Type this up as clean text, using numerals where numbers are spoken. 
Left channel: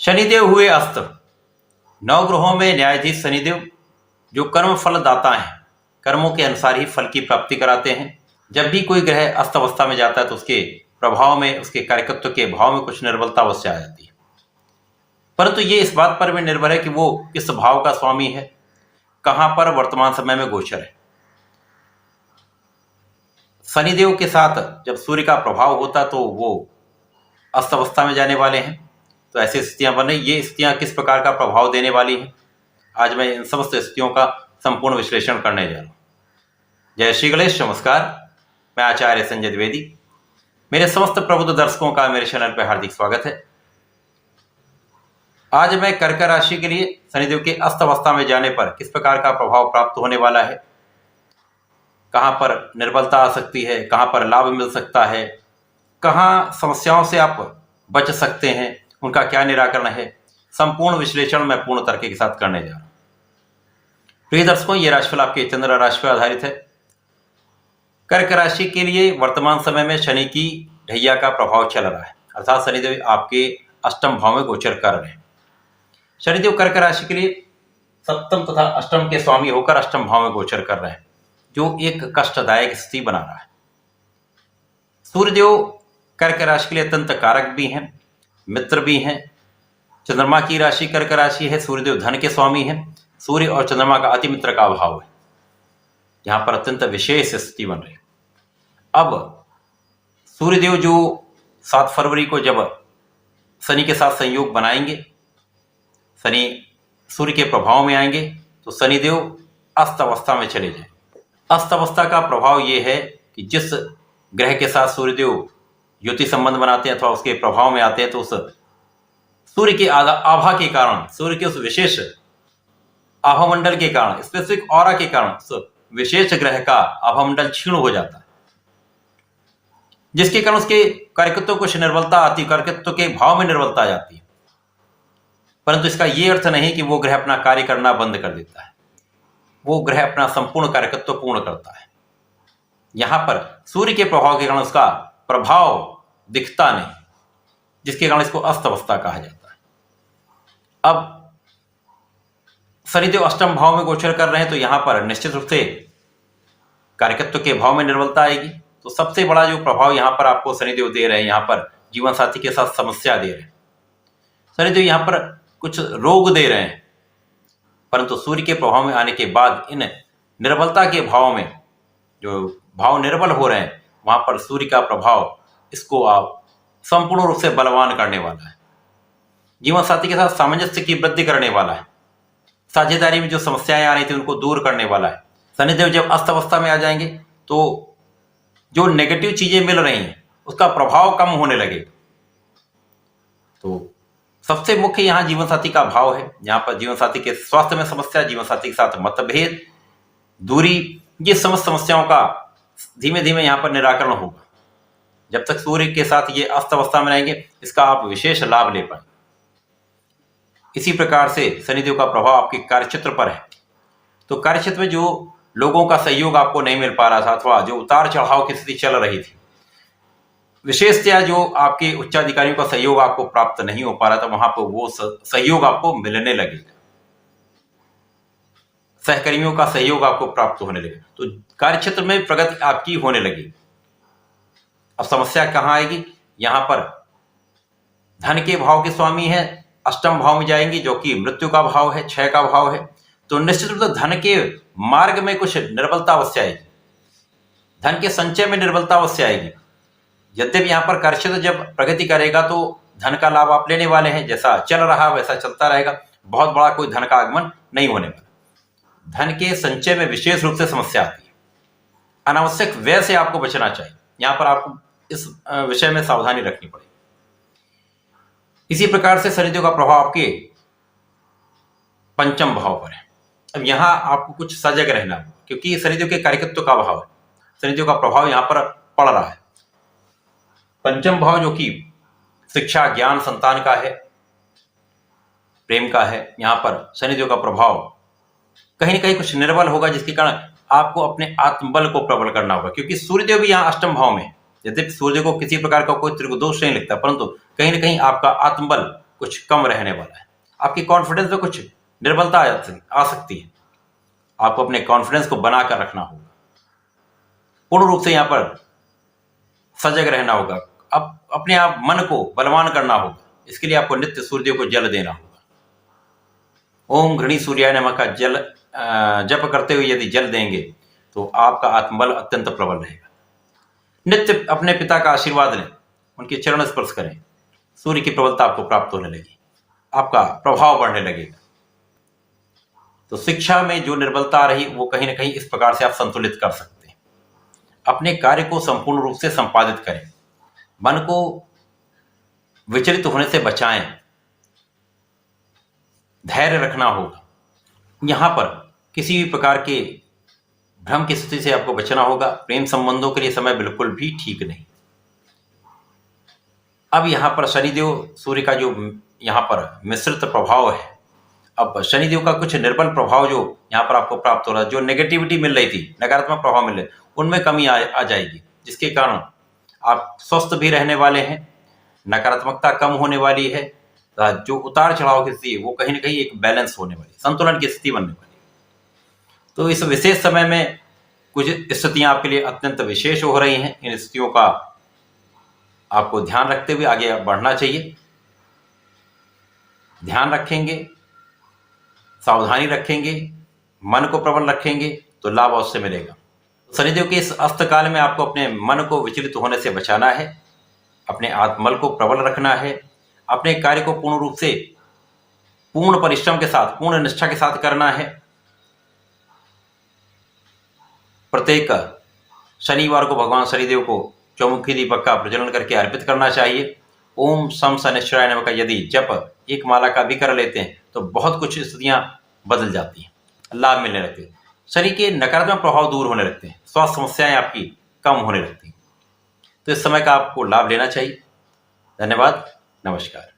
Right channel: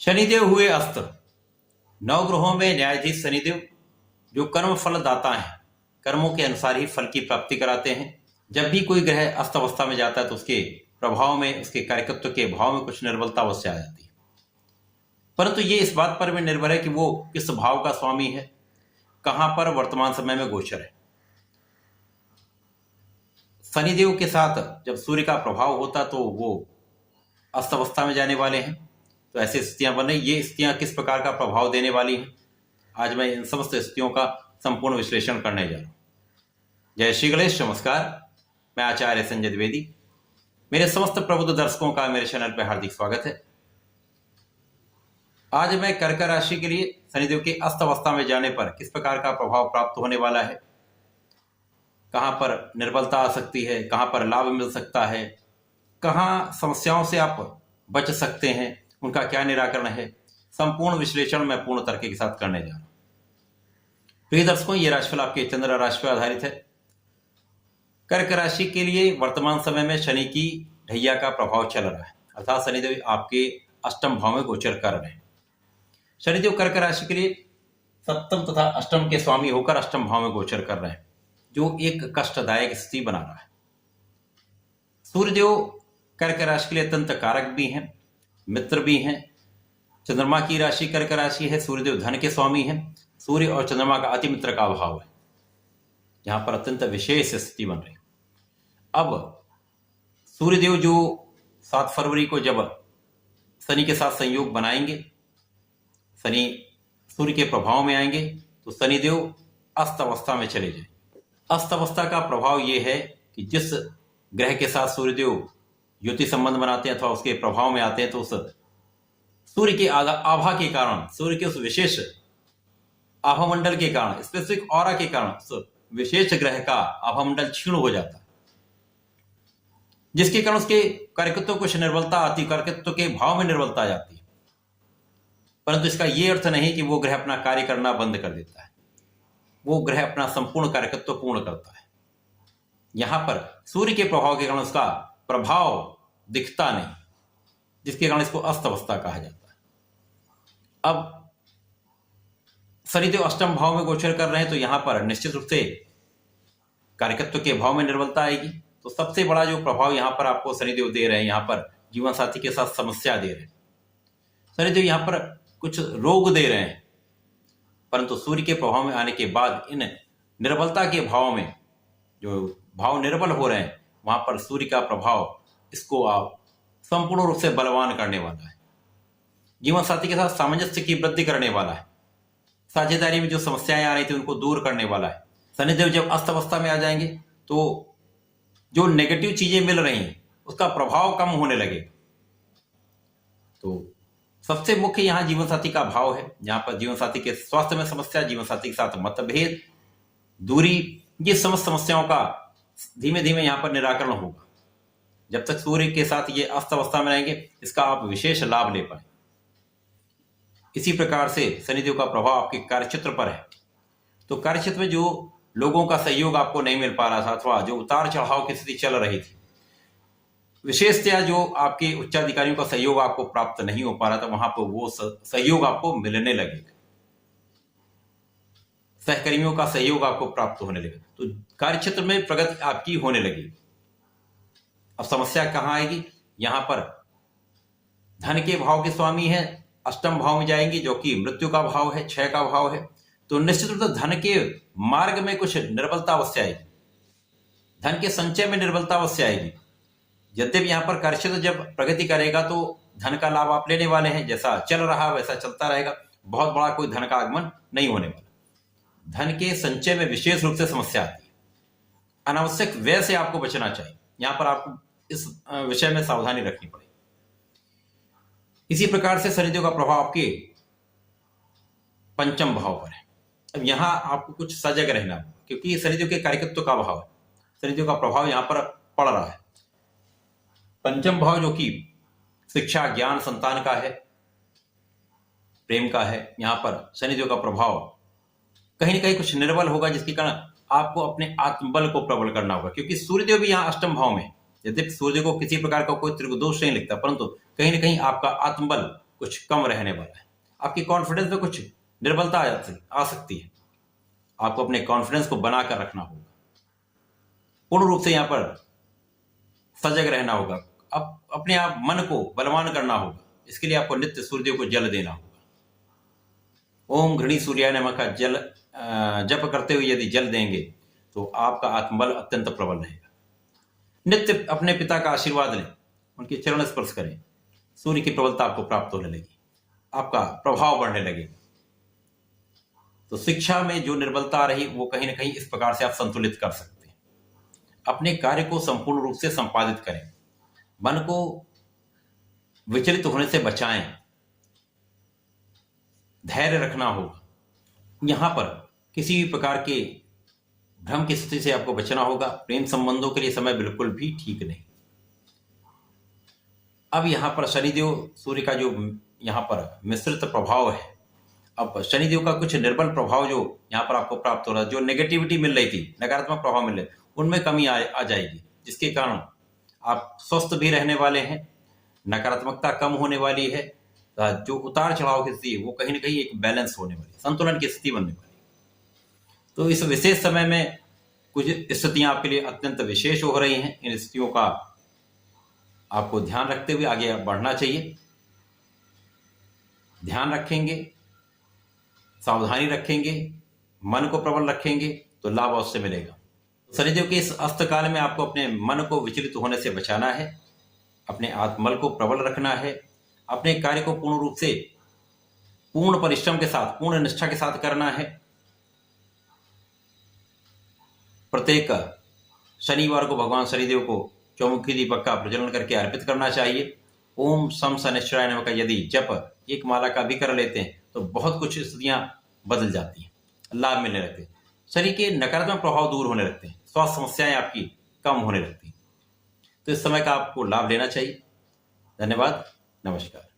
शनिदेव हुए अस्त। नवग्रहों में न्यायाधीश शनिदेव जो कर्म फल दाता हैं, कर्मों के अनुसार ही फल की प्राप्ति कराते हैं। जब भी कोई ग्रह अस्त अवस्था में जाता है तो उसके प्रभाव में, उसके कार्यकत्व के भाव में कुछ निर्बलता अवश्य आ जाती है। परंतु ये इस बात पर भी निर्भर है कि वो किस भाव का स्वामी है, कहां पर वर्तमान समय में गोचर है। शनिदेव के साथ जब सूर्य का प्रभाव होता तो वो अस्त अवस्था में जाने वाले हैं। तो ऐसी स्थितियां बन रही, ये स्थितियां किस प्रकार का प्रभाव देने वाली हैं, आज मैं इन समस्त स्थितियों का संपूर्ण विश्लेषण करने जा रहा हूं। जय श्री गणेश, नमस्कार। मैं आचार्य संजय द्विवेदी। मेरे समस्त प्रबुद्ध दर्शकों का मेरे चैनल पर हार्दिक स्वागत है। आज मैं कर्क राशि के लिए शनिदेव के अस्त अवस्था में जाने पर किस प्रकार का प्रभाव प्राप्त होने वाला है, कहां पर निर्बलता आ सकती है, कहां पर लाभ मिल सकता है, कहां समस्याओं से आप बच सकते हैं, उनका क्या निराकरण है, संपूर्ण विश्लेषण मैं पूर्ण तर्क के साथ करने जा रहा हूं। प्रिय दर्शकों, यह राशिफल आपके चंद्र राशि पर आधारित है। कर्क राशि के लिए वर्तमान समय में शनि की ढैया का प्रभाव चल रहा है, अर्थात शनिदेव आपके अष्टम भाव में गोचर कर रहे हैं। शनिदेव कर्क राशि के लिए सप्तम तथा अष्टम के स्वामी होकर अष्टम भाव में गोचर कर रहे हैं, जो एक कष्टदायक स्थिति बना रहा है। सूर्यदेव कर्क राशि के लिए अत्यंत कारक भी हैं, मित्र भी हैं। चंद्रमा की राशि कर्क राशि है, सूर्यदेव धन के स्वामी हैं। सूर्य और चंद्रमा का अति मित्र का भाव है, यहां पर अत्यंत विशेष स्थिति बन रही है। अब सूर्यदेव जो 7 फरवरी को जब शनि के साथ संयोग बनाएंगे, शनि सूर्य के प्रभाव में आएंगे, तो शनिदेव अस्त अवस्था में चले जाएंगे। अस्त अवस्था का प्रभाव यह है कि जिस ग्रह के साथ सूर्यदेव युति संबंध बनाते हैं अथवा उसके प्रभाव में आते हैं, तो उस सूर्य के आभा के कारण, सूर्य के उस विशेष आभामंडल के कारण, स्पेसिफिक ऑरा के कारण उस विशेष ग्रह का आभामंडल क्षीण हो जाता है, जिसके कारण उसके कार्यकत्व को कुछ निर्बलता आती है, कार्यकत्व के भाव में निर्बलता आ जाती है। परंतु इसका यह अर्थ नहीं कि वो ग्रह अपना कार्य करना बंद कर देता है, वो ग्रह अपना संपूर्ण कार्यकत्व पूर्ण करता है। यहां पर सूर्य के प्रभाव के कारण उसका प्रभाव दिखता नहीं, जिसके कारण इसको अस्त अवस्था कहा जाता है। अब शनिदेव अष्टम भाव में गोचर कर रहे हैं, तो यहां पर निश्चित रूप से कार्यकत्व के भाव में निर्बलता आएगी। तो सबसे बड़ा जो प्रभाव यहां पर आपको शनिदेव दे रहे हैं, यहां पर जीवन साथी के साथ समस्या दे रहे हैं। शनिदेव यहां पर कुछ रोग दे रहे हैं, परंतु सूर्य के प्रभाव में आने के बाद इन निर्बलता के भाव में, जो भाव निर्बल हो रहे हैं, वहां पर सूर्य का प्रभाव इसको आप संपूर्ण रूप से बलवान करने वाला है। जीवन साथी के साथ सामंजस्य की वृद्धि करने वाला है। साझेदारी में जो समस्याएं आ रही थी उनको दूर करने वाला है। शनिदेव जब अस्त अवस्था में आ जाएंगे तो जो नेगेटिव चीजें मिल रही हैं उसका प्रभाव कम होने लगेगा। तो सबसे मुख्य यहाँ जीवन साथी का भाव है। यहाँ पर जीवन साथी के स्वास्थ्य में समस्या, जीवन साथी के साथ मतभेद, दूरी, ये समस्त समस्याओं का धीमे धीमे यहाँ पर निराकरण होगा। जब तक सूर्य के साथ ये अस्त अवस्था में रहेंगे, इसका आप विशेष लाभ ले पाएंगे। इसी प्रकार से शनिदेव का प्रभाव आपके कार्यक्षेत्र पर है। तो कार्यक्षेत्र में जो लोगों का सहयोग आपको नहीं मिल पा रहा था, अथवा जो उतार चढ़ाव की स्थिति चल रही थी, विशेषतया जो आपके उच्चाधिकारियों का सहयोग आपको प्राप्त नहीं हो पा रहा था, वहां पर वो सहयोग आपको मिलने लगेगा, सहकर्मियों का सहयोग आपको प्राप्त होने लगेगा। तो कार्यक्षेत्र में प्रगति आपकी होने लगेगी। अब समस्या कहां आएगी? यहां पर धन के भाव के स्वामी है, अष्टम भाव में जाएंगे, जो कि मृत्यु का भाव है, क्षय का भाव है। तो निश्चित रूप से धन के मार्ग में कुछ निर्बलता अवश्य आएगी, धन के संचय में निर्बलता अवश्य आएगी। यद्यपि यहाँ पर कार्यक्षेत्र जब प्रगति करेगा तो धन का लाभ आप लेने वाले हैं, जैसा चल रहा वैसा चलता रहेगा, बहुत बड़ा कोई धन का आगमन नहीं होने वाला। धन के संचय में विशेष रूप से समस्या आती है, अनावश्यक व्यय से आपको बचना चाहिए। यहाँ पर आपको इस विषय में सावधानी रखनी पड़ेगी। इसी प्रकार से शनिदेव का प्रभाव आपके पंचम भाव पर है। अब यहां आपको कुछ सजग रहना होगा, क्योंकि शनिदेव के कार्यकत्व का भाव है, शनिदेव का प्रभाव यहां पर पड़ रहा है। पंचम भाव जो कि शिक्षा, ज्ञान, संतान का है, प्रेम का है, यहां पर शनिदेव का प्रभाव कहीं ना कहीं कुछ निर्बल होगा, जिसके कारण आपको अपने आत्मबल को प्रबल करना होगा। क्योंकि सूर्यदेव भी यहाँ अष्टम भाव में, यद्यपि सूर्य को किसी प्रकार का कोई त्रिगुण दोष नहीं लगता, परंतु कहीं ना कहीं आपका आत्मबल कुछ कम रहने वाला है। आपकी कॉन्फिडेंस में कुछ निर्बलता आ सकती है। आपको अपने कॉन्फिडेंस को बनाकर रखना होगा, पूर्ण रूप से यहाँ पर सजग रहना होगा। अब अपने आप मन को बलवान करना होगा। इसके लिए आपको नित्य सूर्य को जल देना होगा। ओम घृणी सूर्याय नमः का जल जप करते हुए यदि जल देंगे तो आपका आत्मबल अत्यंत प्रबल रहेगा। नित्य अपने पिता का आशीर्वाद लें, उनके चरण स्पर्श करें। सूर्य की प्रबलता आपको प्राप्त होने लगी, आपका प्रभाव बढ़ने लगेगा। तो शिक्षा में जो निर्बलता आ रही वो कहीं ना कहीं इस प्रकार से आप संतुलित कर सकते हैं। अपने कार्य को संपूर्ण रूप से संपादित करें, मन को विचलित होने से बचाएं, धैर्य रखना होगा। यहां पर किसी भी प्रकार के भ्रम की स्थिति से आपको बचना होगा। प्रेम संबंधों के लिए समय बिल्कुल भी ठीक नहीं। अब यहां पर शनिदेव सूर्य का जो यहां पर मिश्रित प्रभाव है, अब शनिदेव का कुछ निर्बल प्रभाव जो यहां पर आपको प्राप्त हो रहा है, जो नेगेटिविटी मिल रही थी, नकारात्मक प्रभाव मिल रहे, उनमें कमी आ जाएगी, जिसके कारण आप स्वस्थ भी रहने वाले हैं, नकारात्मकता कम होने वाली है। जो उतार चढ़ाव की स्थिति है वो कहीं ना कहीं एक बैलेंस होने वाली, संतुलन की स्थिति बनने वाली। तो इस विशेष समय में कुछ स्थितियां आपके लिए अत्यंत विशेष हो रही हैं। इन स्थितियों का आपको ध्यान रखते हुए आगे बढ़ना चाहिए। ध्यान रखेंगे, सावधानी रखेंगे, मन को प्रबल रखेंगे तो लाभ अवश्य मिलेगा। शनिदेव के इस अस्तकाल में आपको अपने मन को विचलित होने से बचाना है, अपने आत्मबल को प्रबल रखना है, अपने कार्य को पूर्ण रूप से पूर्ण परिश्रम के साथ, पूर्ण निष्ठा के साथ करना है। प्रत्येक शनिवार को भगवान शनिदेव को चौमुखी दीपक का प्रज्वलन करके अर्पित करना चाहिए। ओम शम शनिश्चराय नमः का यदि जप एक माला का भी कर लेते हैं तो बहुत कुछ स्थितियां बदल जाती हैं, लाभ मिलने लगते हैं, शरीर के नकारात्मक प्रभाव दूर होने लगते हैं, स्वास्थ्य समस्याएं आपकी कम होने लगती हैं। तो इस समय का आपको लाभ लेना चाहिए। धन्यवाद, नमस्कार।